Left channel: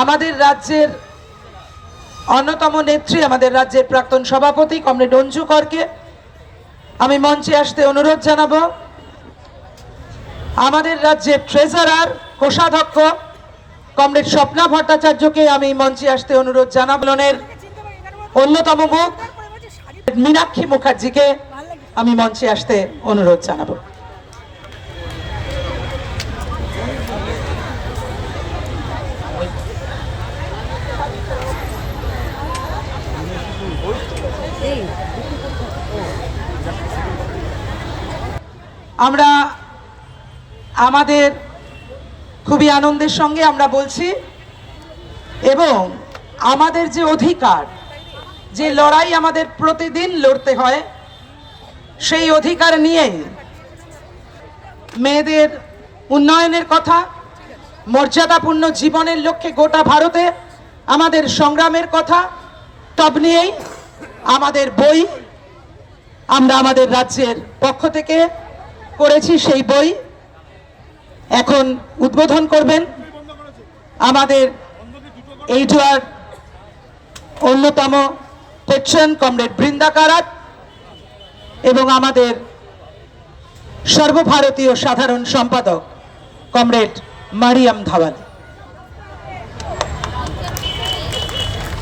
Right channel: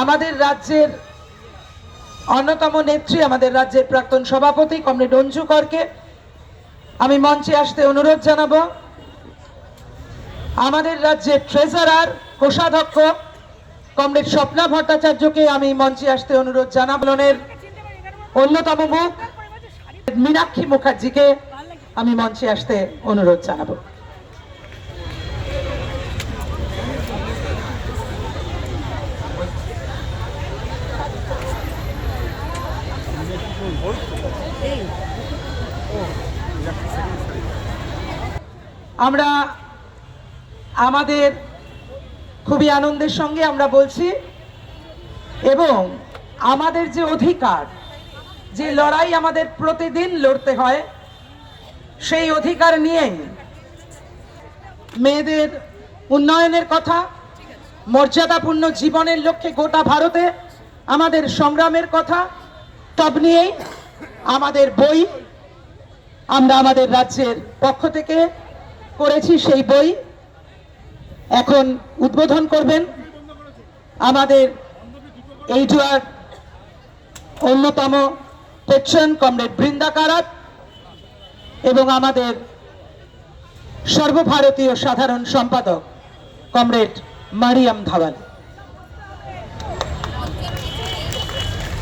আমাদের রাজ্যের অন্যতম নেত্রী, আমাদের রাজ্যের প্রাক্তন সভাপতি কমরেড অঞ্জু করকে আমি মঞ্চে আসতে অনুরোধ জানাবো। আমাদের রাজ্যের ট্রেজারার, কোষাধ্যক্ষ কমরেড স্বপ্না ভট্টাচার্যকে আমি মঞ্চে আসতে অনুরোধ জানাবো। অন্যতম মুখ মীনাক্ষী মুখার্জিকে আমি মঞ্চে আসতে অনুরোধ জানাবো। আমরা আমাদের খুবই আনন্দের সঙ্গে আমরা বলছি, এবং আমাদের যে অধিকার, যে লড়াই আমাদের প্রতিদিন লড়তে হয়, সেই অধিকার নিয়েই মেয়েদের উন্নয়নের কথা, মর্যাদাপূর্ণ জীবনের লক্ষ্যে গোটা ভারতে আমাদের সংগ্রামের কথা, সব নিয়েই আমাদের বই আমরা আমাদের রাজ্যের পক্ষ থেকে করেছি। সেই বই এখন উদ্বোধন করবেন আমাদের এইটার অন্যতম পেট্রন কমরেড বৃন্দা কারাত এবং আমাদের সর্বভারতীয় সাধারণ সম্পাদক কমরেড মারিয়াম ধাওয়ান।